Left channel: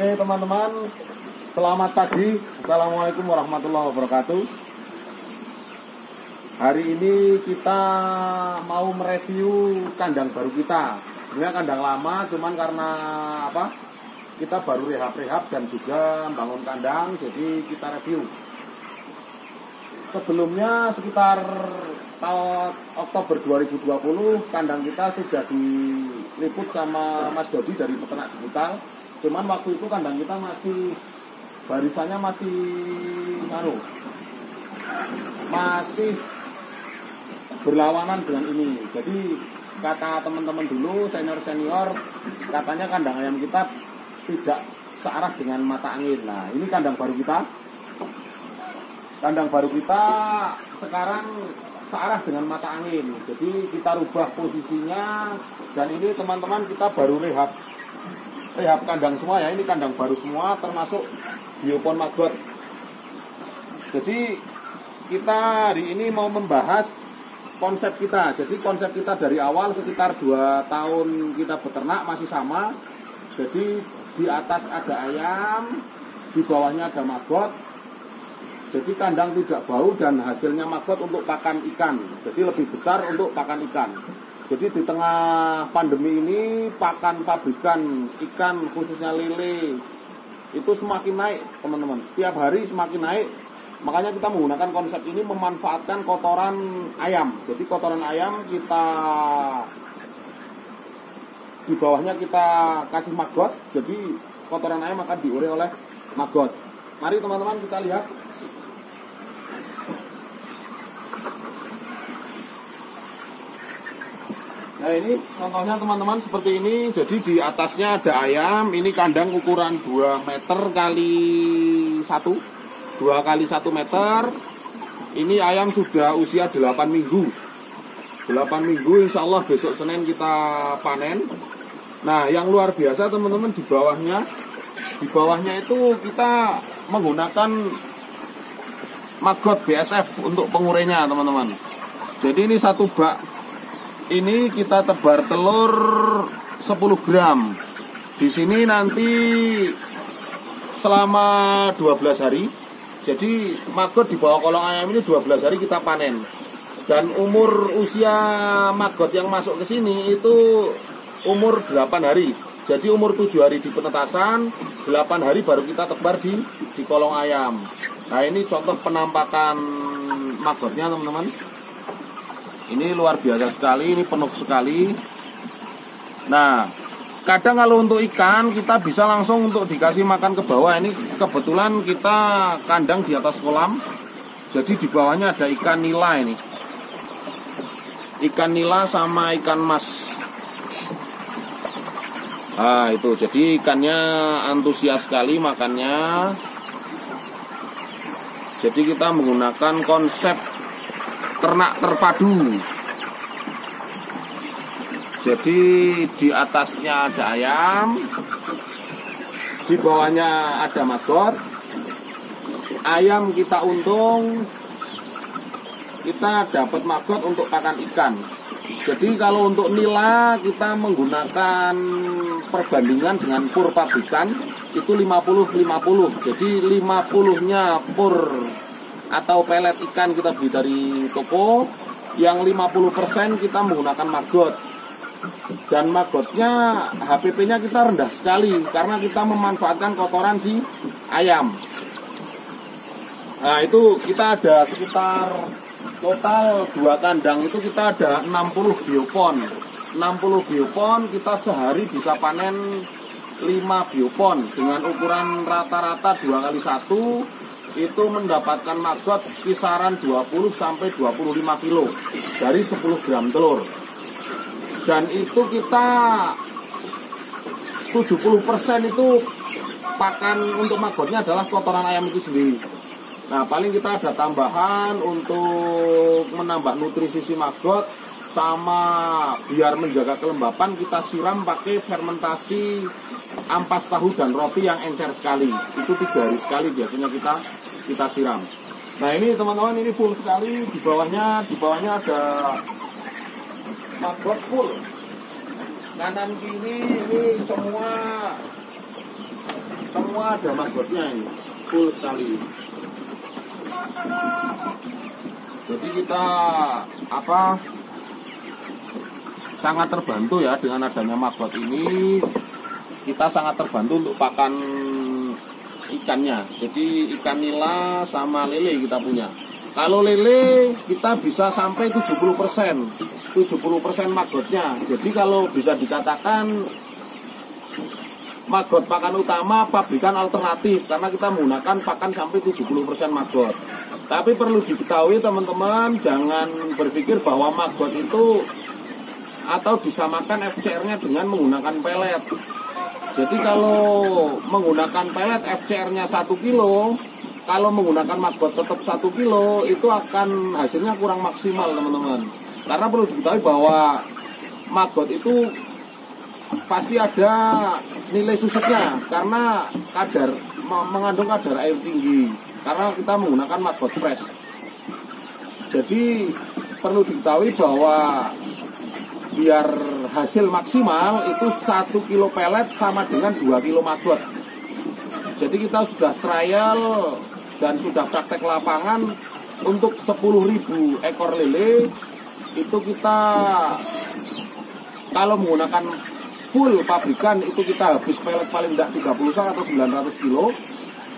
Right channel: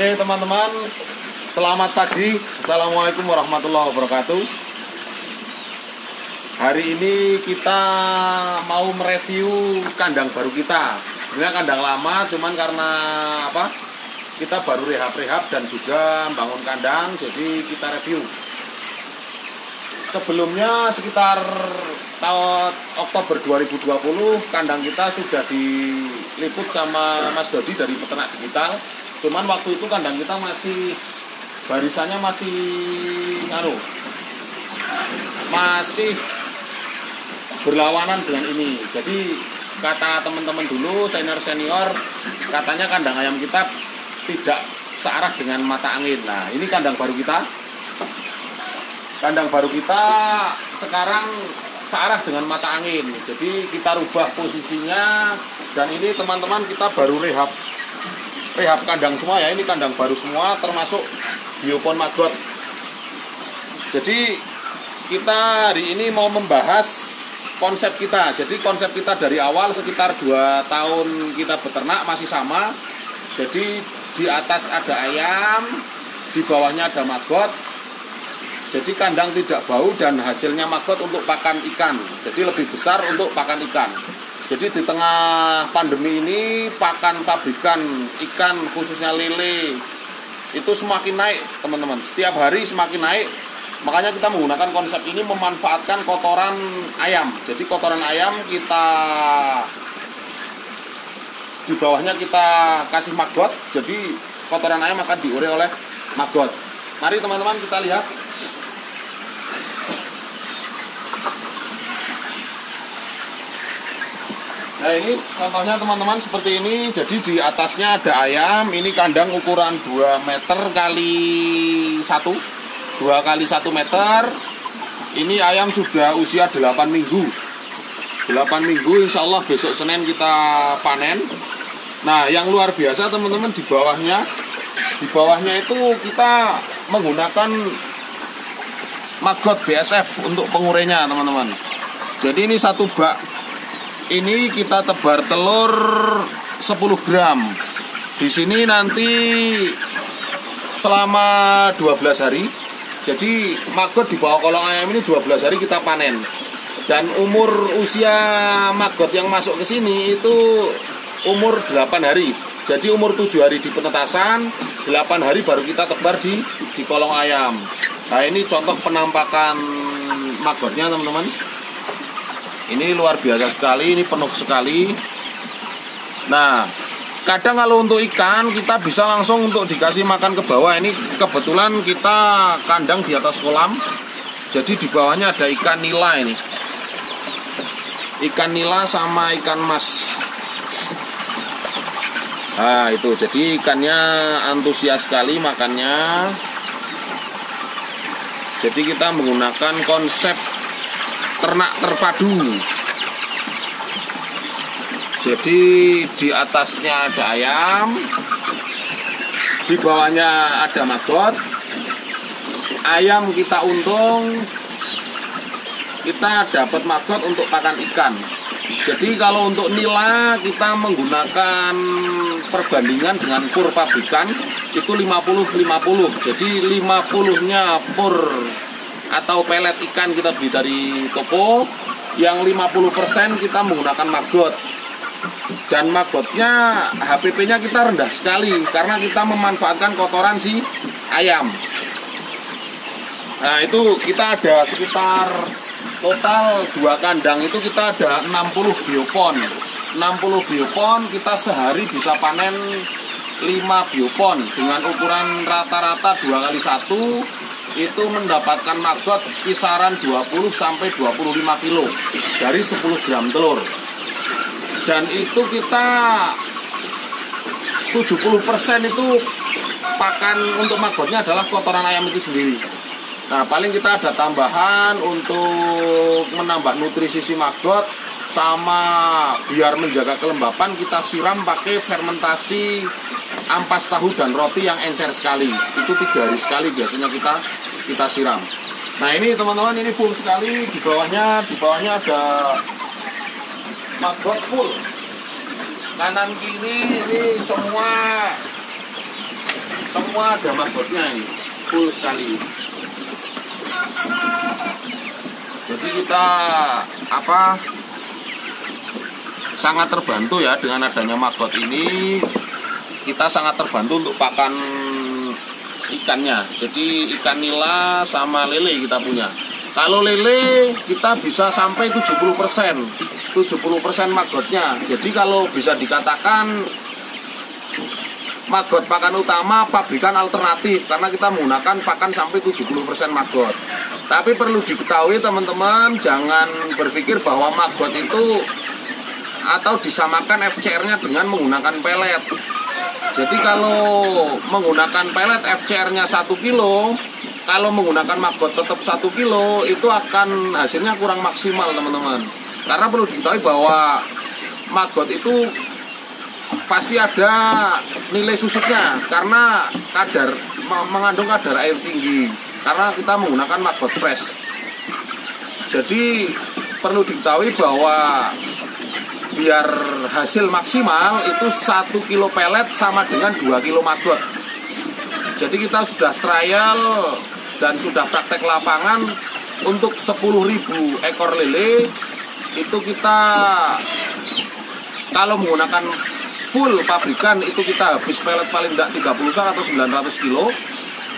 Oke teman-teman, selamat pagi. Assalamualaikum warahmatullahi wabarakatuh. Hari ini kita mau mereview kandang baru kita. Sebenarnya kandang lama, cuman karena kita baru rehab-rehab dan juga bangun kandang, jadi kita review. Sebelumnya sekitar tahun Oktober 2020 kandang kita sudah diliput sama Mas Dodi dari Peternak Digital. Cuman waktu itu kandang kita masih barisannya masih berlawanan dengan ini. Jadi kata teman-teman dulu senior katanya kandang ayam kita tidak searah dengan mata angin. Nah, ini kandang baru kita. Kandang baru kita sekarang searah dengan mata angin. Jadi kita rubah posisinya, dan ini teman-teman kita baru rehab kandang semua ya. Ini kandang baru semua termasuk biopon maggot. Jadi kita hari ini mau membahas konsep kita. Jadi konsep kita dari awal sekitar 2 tahun kita beternak masih sama. Jadi di atas ada ayam, di bawahnya ada maggot. Jadi kandang tidak bau dan hasilnya maggot untuk pakan ikan. Jadi lebih besar untuk pakan ikan. Jadi di tengah pandemi ini pakan pabrikan ikan khususnya lele itu semakin naik teman-teman. Setiap hari semakin naik. Makanya kita menggunakan konsep ini memanfaatkan kotoran ayam. Jadi kotoran ayam kita di bawahnya kita kasih maggot. Jadi kotoran ayam akan diure oleh maggot. Mari teman-teman kita lihat. Nah ini contohnya teman-teman seperti ini. Jadi di atasnya ada ayam. Ini kandang ukuran 2 meter kali 1 kali 1 meter. Ini ayam sudah usia 8 minggu. 8 minggu insya Allah besok Senin kita panen. Nah yang luar biasa teman-teman di bawahnya itu kita menggunakan maggot BSF untuk pengurainya teman-teman. Jadi ini satu bak. Ini kita tebar telur 10 gram. Di sini nanti selama 12 hari. Jadi maggot di bawah kolong ayam ini 12 hari kita panen. Dan umur usia maggot yang masuk ke sini itu umur 8 hari. Jadi umur 7 hari di penetasan, 8 hari baru kita tebar di kolong ayam. Nah ini contoh penampakan maggotnya teman-teman. Ini luar biasa sekali, ini penuh sekali. Nah, kadang kalau untuk ikan kita bisa langsung untuk dikasih makan ke bawah. Ini kebetulan kita kandang di atas kolam. Jadi di bawahnya ada ikan nila ini. Ikan nila sama ikan mas. Nah, itu. Jadi ikannya antusias sekali makannya. Jadi kita menggunakan konsep ternak terpadu. Jadi di atasnya ada ayam, di bawahnya ada maggot. Ayam kita untung, kita dapat maggot untuk pakan ikan. Jadi kalau untuk nila kita menggunakan perbandingan dengan pur pabrikan itu 50-50. Jadi 50-nya pur atau pelet ikan kita beli dari toko, yang 50% kita menggunakan maggot. Dan maggotnya HPP-nya kita rendah sekali karena kita memanfaatkan kotoran si ayam. Nah itu kita ada sekitar total 2 kandang itu kita ada 60 biopon. 60 biopon kita sehari bisa panen 5 biopon dengan ukuran rata-rata 2 kali 1 itu mendapatkan maggot kisaran 20-25 kilo dari 10 gram telur. Dan itu kita 70% itu pakan untuk maggotnya adalah kotoran ayam itu sendiri. Nah paling kita ada tambahan untuk menambah nutrisi si maggot, sama biar menjaga kelembapan kita siram pakai fermentasi ampas tahu dan roti yang encer sekali. Itu 3 hari sekali biasanya kita siram. Nah ini teman-teman, ini full sekali. Di bawahnya ada maggot full. Kanan kiri ini semua semua ada magbotnya ini, full sekali. Jadi kita sangat terbantu ya dengan adanya magbot ini. Kita sangat terbantu untuk pakan ikannya. Jadi ikan nila sama lele kita punya. Kalau lele kita bisa sampai 70% magbotnya. Jadi kalau bisa dikatakan magot pakan utama, pabrikan alternatif, karena kita menggunakan pakan sampai 70% magot. Tapi perlu diketahui teman-teman, jangan berpikir bahwa magot itu atau disamakan FCR-nya dengan menggunakan pelet. Jadi kalau menggunakan pelet FCR-nya 1 kilo, kalau menggunakan magot tetap 1 kilo, itu akan hasilnya kurang maksimal teman-teman. Karena perlu diketahui bahwa magot itu pasti ada nilai susutnya karena mengandung kadar air tinggi, karena kita menggunakan magot fresh. Jadi perlu diketahui bahwa biar hasil maksimal itu 1 kilo pelet sama dengan 2 kilo magot. Jadi kita sudah trial dan sudah praktek lapangan untuk 10.000 ekor lele. Itu kita kalau menggunakan full pabrikan itu kita habis pelet paling tidak 30 sak atau 900 kilo.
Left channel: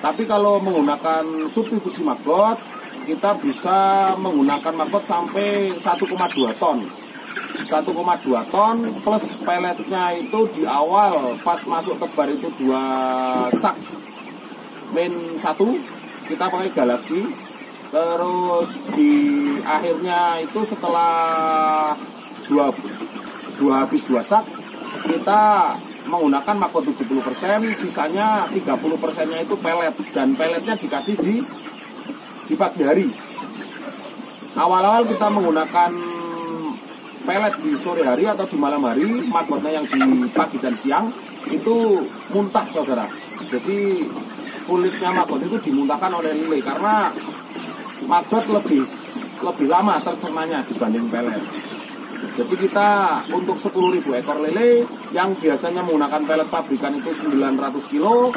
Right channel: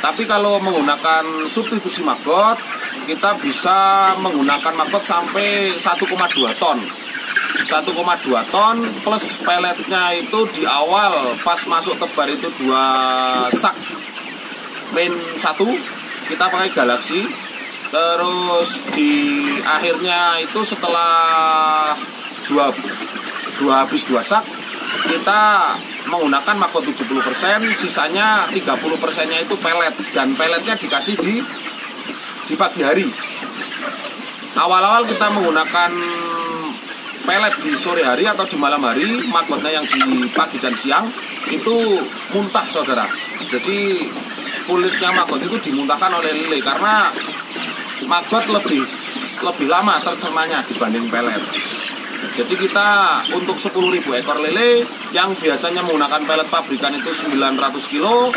Tapi kalau menggunakan substitusi magot, kita bisa menggunakan magot sampai 1,2 ton. 1,2 ton plus peletnya itu di awal pas masuk tebar itu 2 sak main 1 kita pakai Galaxy. Terus di akhirnya itu setelah habis 2 sak kita menggunakan magot 70%, sisanya 30%-nya itu pelet, dan peletnya dikasih di pagi hari. Awal-awal kita menggunakan pelet di sore hari atau di malam hari, magotnya yang di pagi dan siang itu muntah saudara. Jadi kulitnya magot itu dimuntahkan oleh lele karena magot lebih lama tercernanya dibanding pelet. Jadi kita untuk 10.000 ekor lele yang biasanya menggunakan pelet pabrikan itu 900 kilo,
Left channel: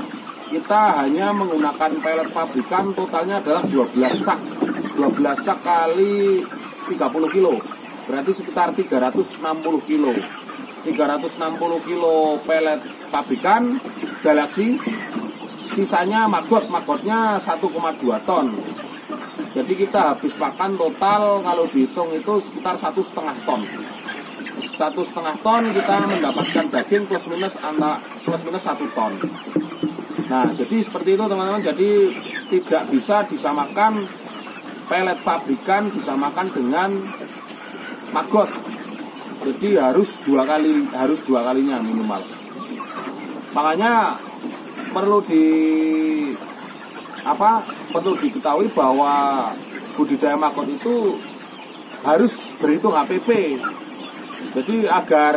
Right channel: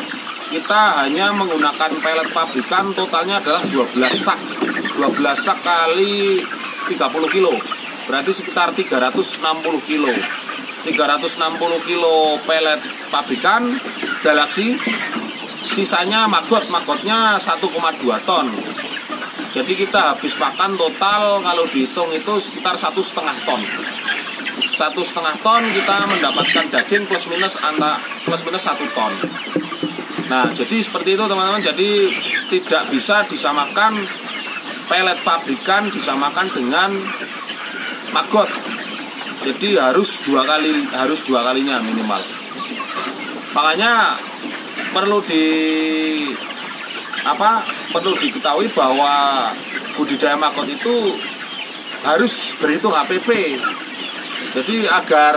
kita hanya menggunakan pelet pabrikan totalnya adalah 12 sak. 12 sak kali 30 kilo. Berarti sekitar 360 kilo. 360 kilo pelet pabrikan Galaxy. Sisanya magotnya 1,2 ton. Jadi kita habis pakan total kalau dihitung itu sekitar 1,5 ton. 1,5 ton kita mendapatkan daging plus minus 1 ton. Nah, jadi seperti itu teman-teman. Jadi tidak bisa disamakan pelet pabrikan disamakan dengan magot. Jadi harus dua kalinya minimal. Makanya perlu diketahui bahwa budidaya magot itu harus berhitung HPP. Jadi agar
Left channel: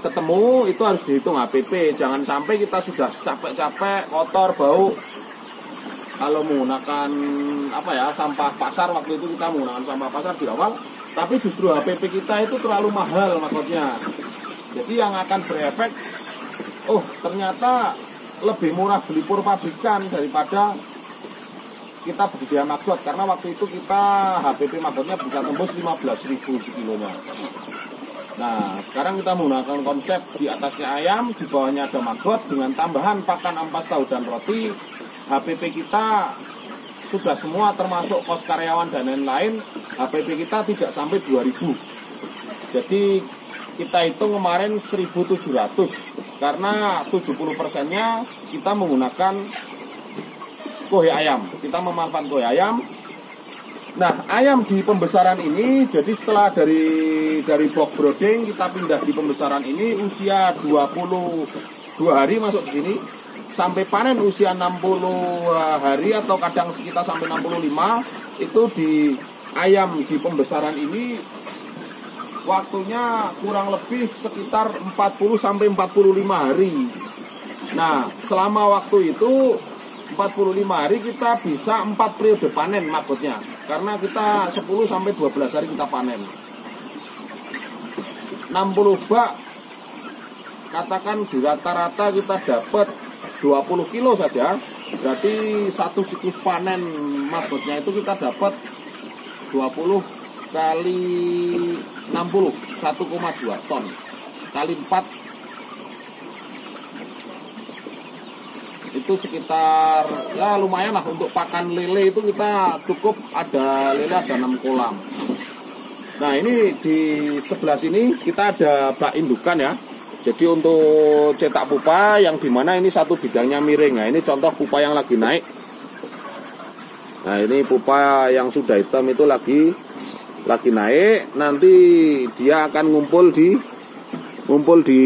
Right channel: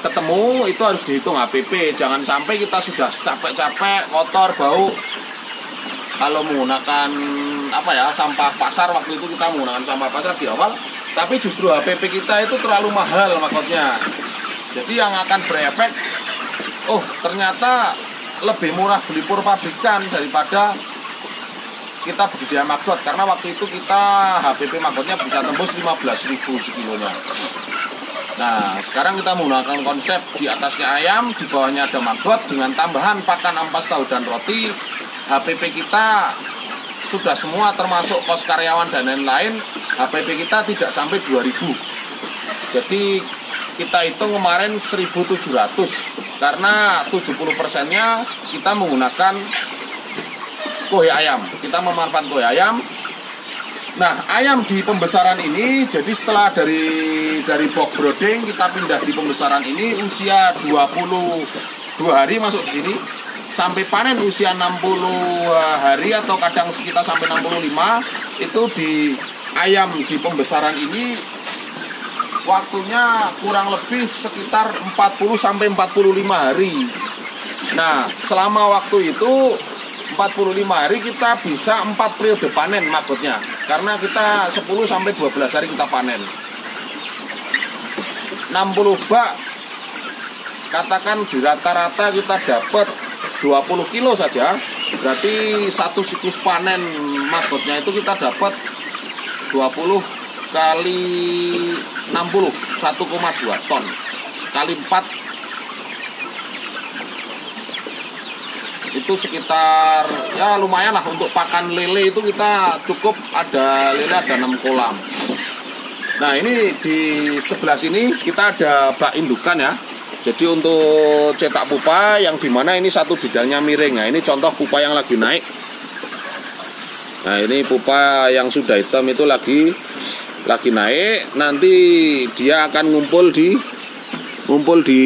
ketemu itu harus dihitung HPP. Jangan sampai kita sudah capek-capek, kotor, bau. Kalau menggunakan sampah pasar, waktu itu kita menggunakan sampah pasar di awal, tapi justru HPP kita itu terlalu mahal magotnya. Jadi yang akan berefek, ternyata lebih murah beli pur pabrikan daripada kita budidaya magot, karena waktu itu kita HPP magotnya bisa tembus 15.000 sekilonya. Nah, sekarang kita menggunakan konsep di atasnya ayam, di bawahnya ada magot dengan tambahan pakan ampas tahu dan roti. HPP kita sudah semua termasuk kos karyawan dan lain-lain. HPP kita tidak sampai 2.000. Jadi kita hitung kemarin 1.700 karena 70%-nya kita menggunakan koi ayam. Kita memanfaatkan koi ayam. Nah, ayam di pembesaran ini, jadi setelah dari box brooding kita pindah di pembesaran ini, usia 22 hari masuk di sini, sampai panen usia 60 hari atau kadang sekitar sampai 65, itu di ayam di pembesaran ini waktunya kurang lebih sekitar 40 sampai 45 hari. Nah, selama waktu itu 45 hari kita bisa 4 periode panen magotnya, karena kita 10 sampai 12 hari kita panen. 60 bak katakan di rata-rata kita dapat 20 kilo saja, berarti satu siklus panen magotnya itu kita dapat 20 kali 60, 1,2 ton kali 4 itu sekitar ya lumayan lah. Untuk pakan lele itu kita cukup ada lele ada 6 kolam. Nah ini di sebelah sini kita ada bak indukan ya. Jadi untuk cetak pupa yang dimana ini satu bidangnya miring. Nah ini contoh pupa yang lagi naik. Nah ini pupa yang sudah hitam itu lagi naik. Nanti dia akan ngumpul di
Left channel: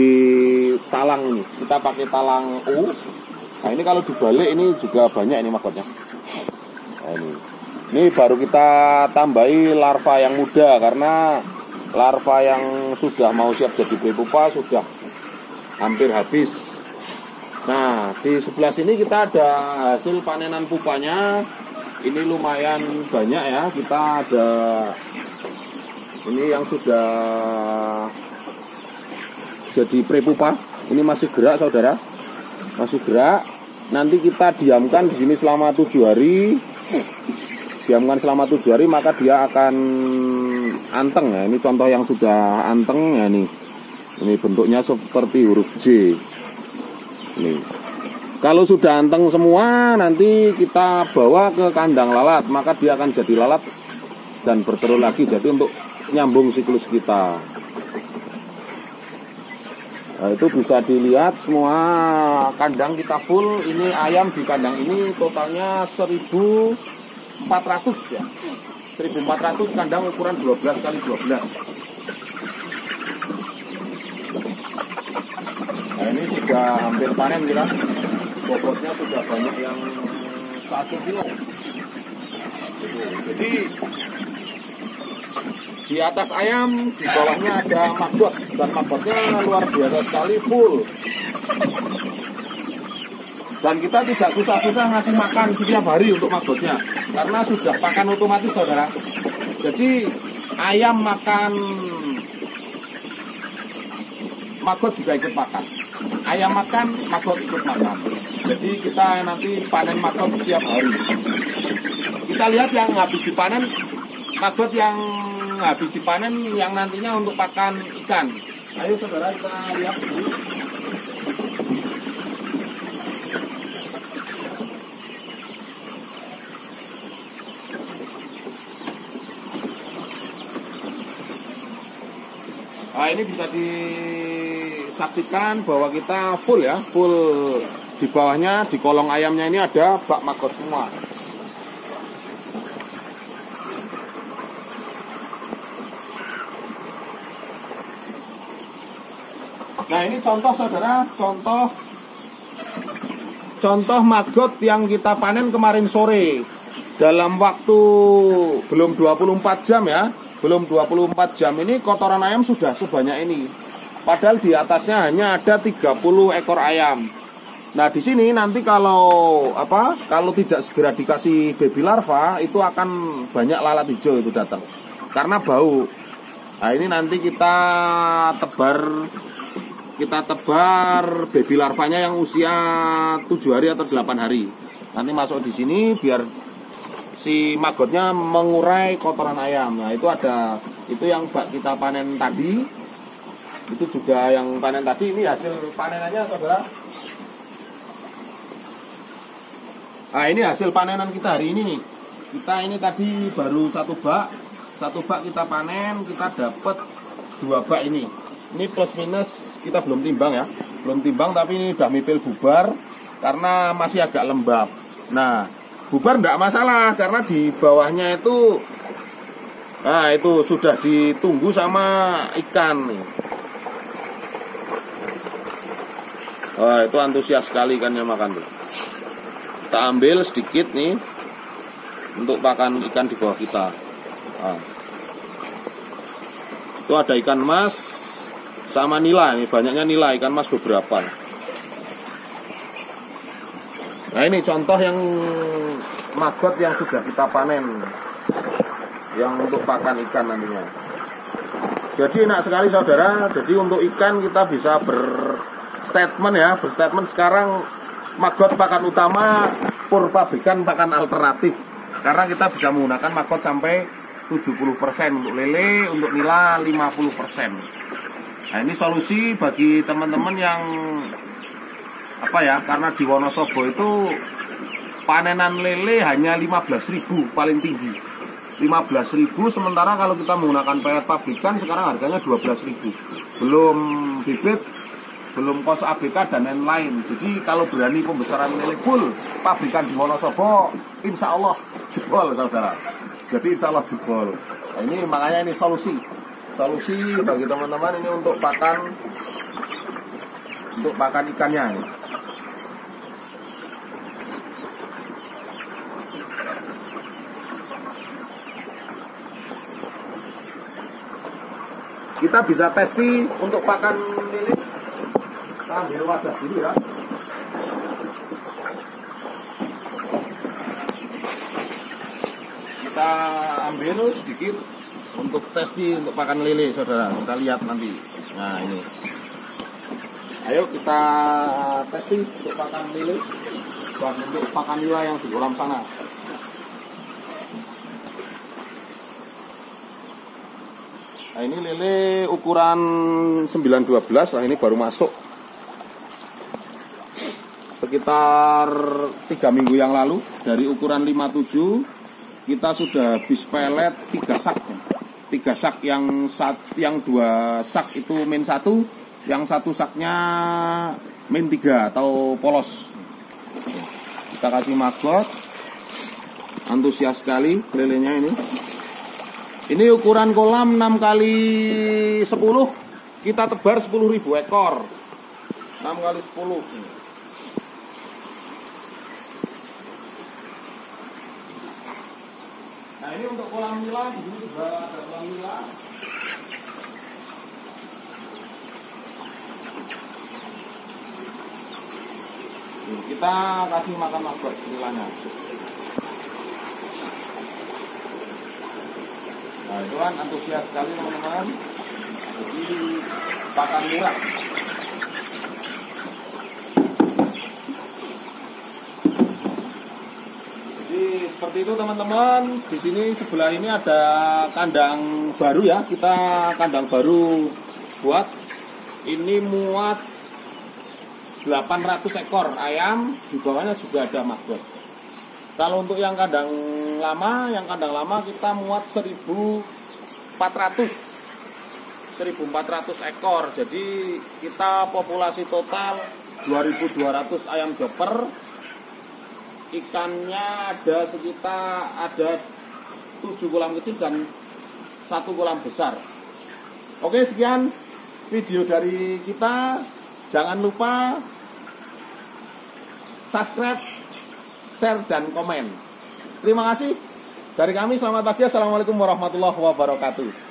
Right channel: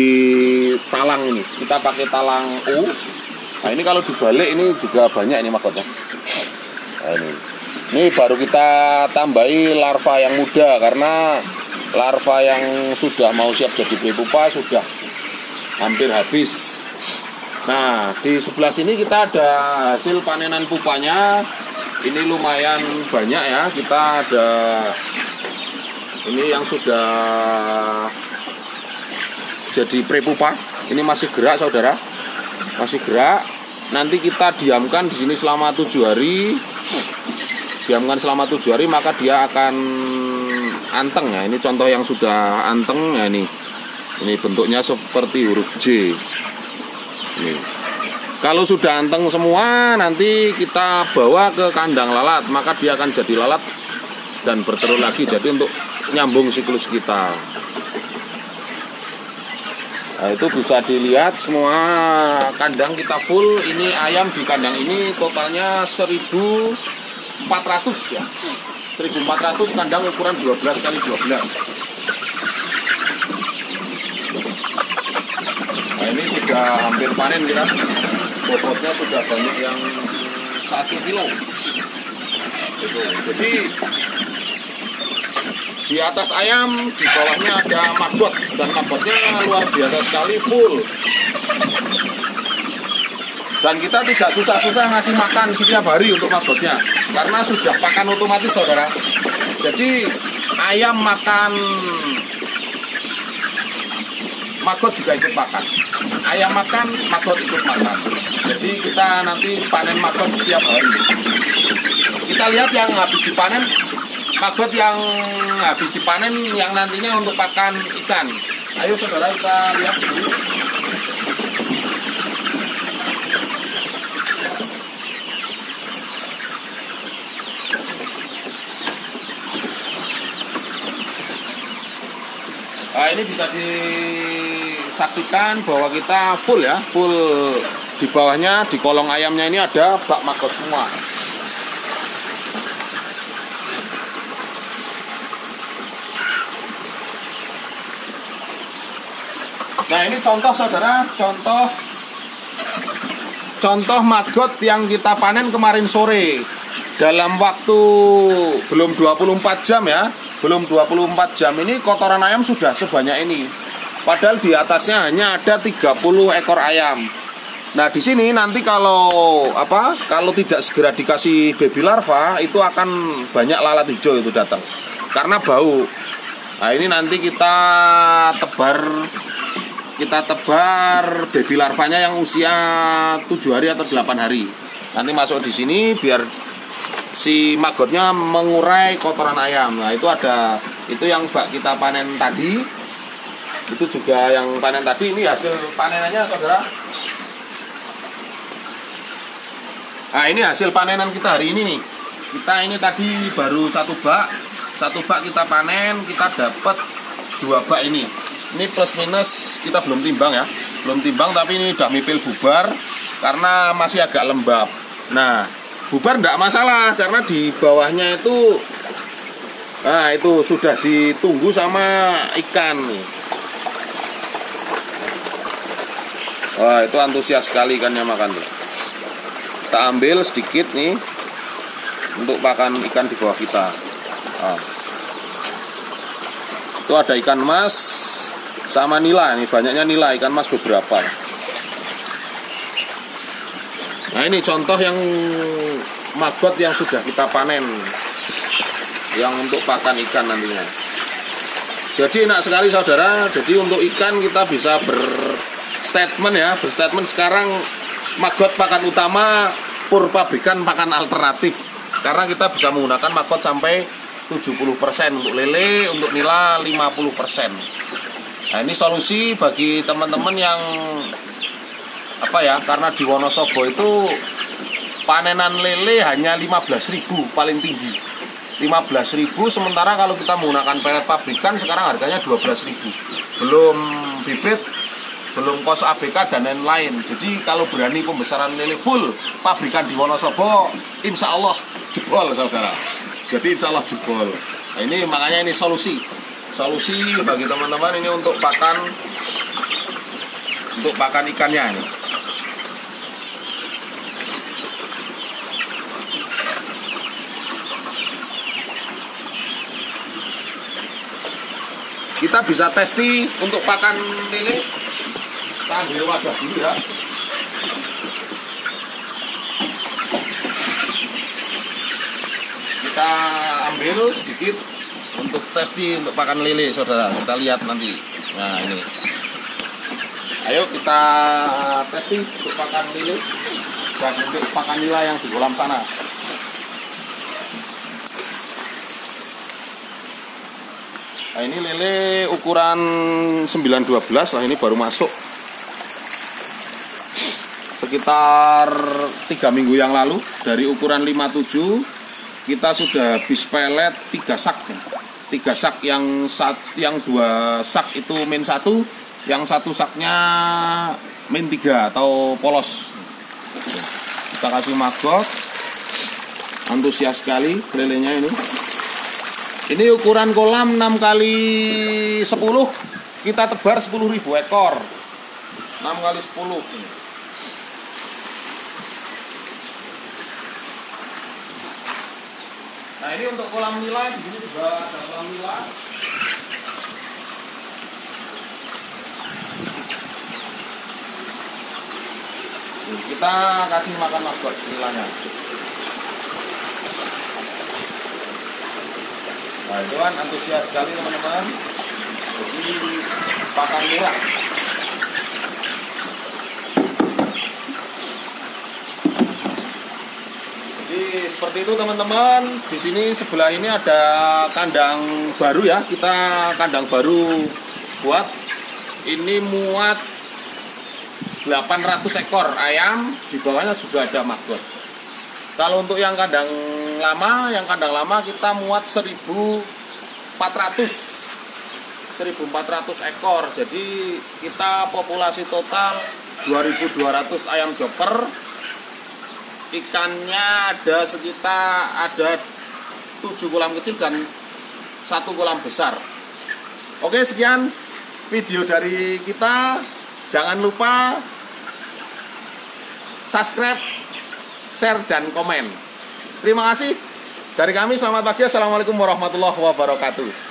talang ini. Kita pakai talang U. Nah ini kalau dibalik ini juga banyak ini magotnya. Nah, ini baru kita tambahi larva yang muda, karena larva yang sudah mau siap jadi baby pupa sudah hampir habis. Nah di sebelah sini kita ada hasil panenan pupanya. Ini lumayan banyak ya. Kita ada ini yang sudah jadi pre-pupa. Ini masih gerak saudara, masih gerak. Nanti kita diamkan di sini selama 7 hari. Diamkan selama 7 hari maka dia akan anteng ya. Ini contoh yang sudah anteng ya ini. Ini bentuknya seperti huruf J. Ini. Kalau sudah anteng semua nanti kita bawa ke kandang lalat, maka dia akan jadi lalat dan bertelur lagi. Jadi untuk nyambung siklus kita. Nah, itu bisa dilihat semua kandang kita full. Ini ayam di kandang ini totalnya 1.400 ya. 1.400 kandang ukuran 12 kali 12. Nah ini sudah hampir panen kita. Bobotnya sudah banyak yang 1 kilo. Jadi di atas ayam, di bawahnya ada maggot, dan maggotnya luar biasa sekali, full. Dan kita tidak susah-susah ngasih makan setiap hari untuk maggotnya, karena sudah pakan otomatis saudara. Jadi ayam makan, maggot juga ikut makan. Ayam makan, maggot ikut makan. Jadi kita nanti panen maggot setiap hari. Kita lihat yang habis dipanen, maggot yang habis dipanen yang nantinya untuk pakan ikan. Ayo saudara kita lihat dulu. Nah ini bisa disaksikan bahwa kita full ya, full di bawahnya, di kolong ayamnya ini ada bak maggot semua. Nah ini contoh saudara, contoh maggot yang kita panen kemarin sore. Dalam waktu belum 24 jam ya, belum 24 jam ini kotoran ayam sudah sebanyak ini. Padahal di atasnya hanya ada 30 ekor ayam. Nah di sini nanti kalau tidak segera dikasih baby larva itu akan banyak lalat hijau itu datang karena bau. Nah ini nanti kita tebar baby larvanya yang usia 7 hari atau 8 hari. Nanti masuk di sini biar si maggotnya mengurai kotoran ayam. Nah itu yang bak kita panen tadi. Itu juga yang panen tadi. Ini hasil panenannya saudara. Nah ini hasil panenan kita hari ini nih. Kita ini tadi baru satu bak kita panen, kita dapat 2 bak ini. Ini plus minus kita belum timbang ya, tapi ini udah mipil bubar karena masih agak lembab. Nah bubar enggak masalah karena di bawahnya itu, nah itu sudah ditunggu sama ikan. Wah itu antusias sekali ikannya makan tuh. Kita ambil sedikit nih untuk pakan ikan di bawah kita. Nah, itu ada ikan mas sama nila, nih banyaknya nila, ikan mas beberapa. Nah ini contoh yang maggot yang sudah kita panen, yang untuk pakan ikan nantinya. Jadi enak sekali saudara. Jadi untuk ikan kita bisa berstatement ya, berstatement sekarang maggot pakan utama, pur pabrikan pakan alternatif. Karena kita bisa menggunakan maggot sampai 70% untuk lele, untuk nila 50%. Nah, ini solusi bagi teman-teman yang karena di Wonosobo itu panenan lele hanya 15.000 paling tinggi. 15.000, sementara kalau kita menggunakan pelet pabrikan sekarang harganya 12.000. Belum bibit, belum kos ABK dan lain-lain. Jadi kalau berani pembesaran lele full pabrikan di Wonosobo, insya Allah jebol saudara. Jadi insya Allah jebol. Nah, ini makanya ini solusi bagi teman-teman ini untuk pakan ikannya ini. Kita bisa testi untuk pakan lele. Kita ambil wadah dulu ya. Kita ambil sedikit untuk testi untuk pakan lele, saudara. Kita lihat nanti. Nah, ini. Ayo kita testi untuk pakan lele dan untuk pakan nila yang di kolam sana. Nah, ini lele ukuran 912. Nah, ini baru masuk sekitar 3 minggu yang lalu. Dari ukuran 57 kita sudah habis pelet 3 sak. 3 sak, yang 2 sak itu min 1, yang 1 saknya min 3 atau polos. Kita kasih maggot. Antusias sekali lelenya ini. Ini ukuran kolam 6 kali 10, kita tebar 10.000 ekor. 6 kali 10. Nah, ini untuk kolam nila, di sini juga ada kolam nila. Kita kasih makan maggot nilanya. Nah, itu kan antusias sekali teman-teman. Jadi pakan nila. Jadi seperti itu teman-teman. Di sini sebelah ini ada kandang baru ya. Kita kandang baru buat. Ini muat 800 ekor ayam. Di bawahnya juga ada maggot. Kalau untuk yang kandang lama kita muat 1.400 ekor. Jadi kita populasi total 2.200 ayam joker. Ikannya ada 7 kolam kecil dan 1 kolam besar. Oke, sekian video dari kita. Jangan lupa subscribe, share, dan komen. Terima kasih dari kami. Selamat pagi. Assalamualaikum warahmatullahi wabarakatuh.